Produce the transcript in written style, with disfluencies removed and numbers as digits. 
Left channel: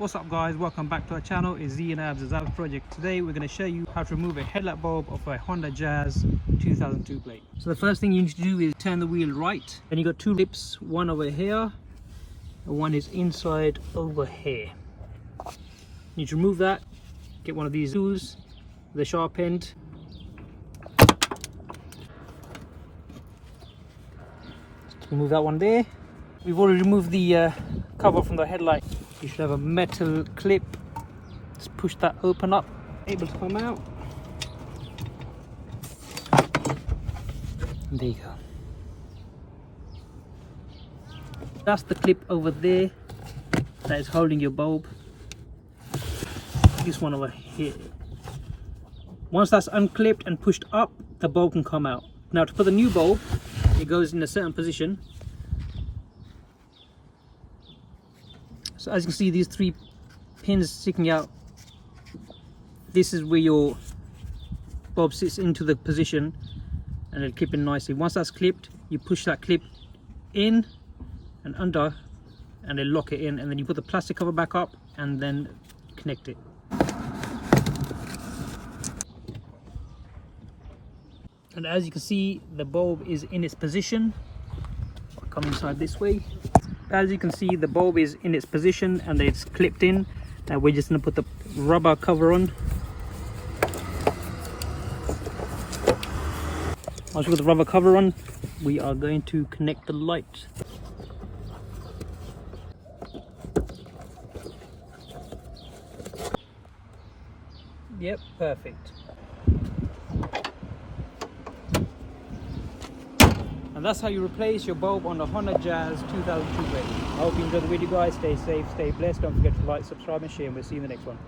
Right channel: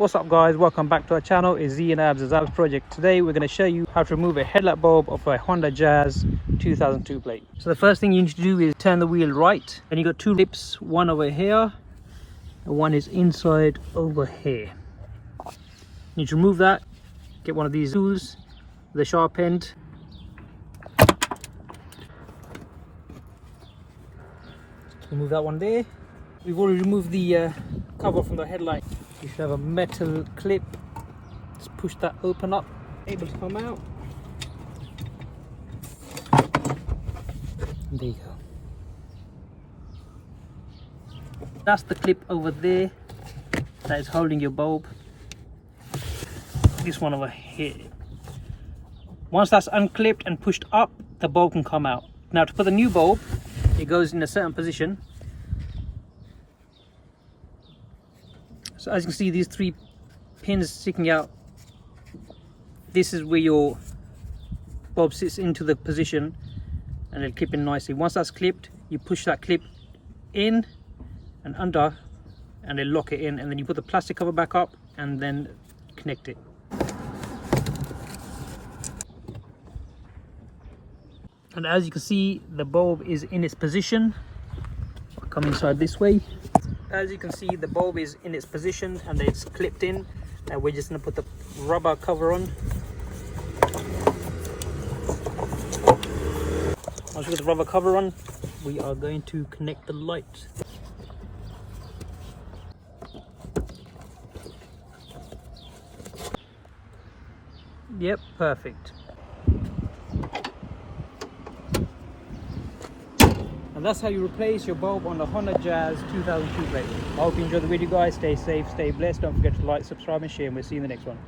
What's up guys, welcome back to our channel. It's Z and Abs project. Today we're going to show you how to remove a headlight bulb of a Honda Jazz 2002 plate. So the first thing you need to do is turn the wheel right, and you got two clips, one over here and one is inside over here. You need to remove that. Get one of these tools with a sharp end. Remove that one there. We've already removed the cover from the headlight. You should have a metal clip. Just push that open up, able to come out. And there you go. That's the clip over there that is holding your bulb. This one over here. Once that's unclipped and pushed up, the bulb can come out. Now to put the new bulb, it goes in a certain position. So as you can see, these three pins sticking out, this is where your bulb sits into the position, and it'll clip in nicely. Once that's clipped, you push that clip in and under and they lock it in, and then you put the plastic cover back up and then connect it. And as you can see, the bulb is in its position. Come inside this way. As you can see, the bulb is in its position and it's clipped in. Now we're just going to put the rubber cover on. Once we put the rubber cover on, we are going to connect the light. Yep, perfect. And that's how you replace your bulb on the Honda Jazz 2002 plate. I hope you enjoyed the video guys. Stay safe, stay blessed. Don't forget to like, subscribe and share, and we'll see you in the next one.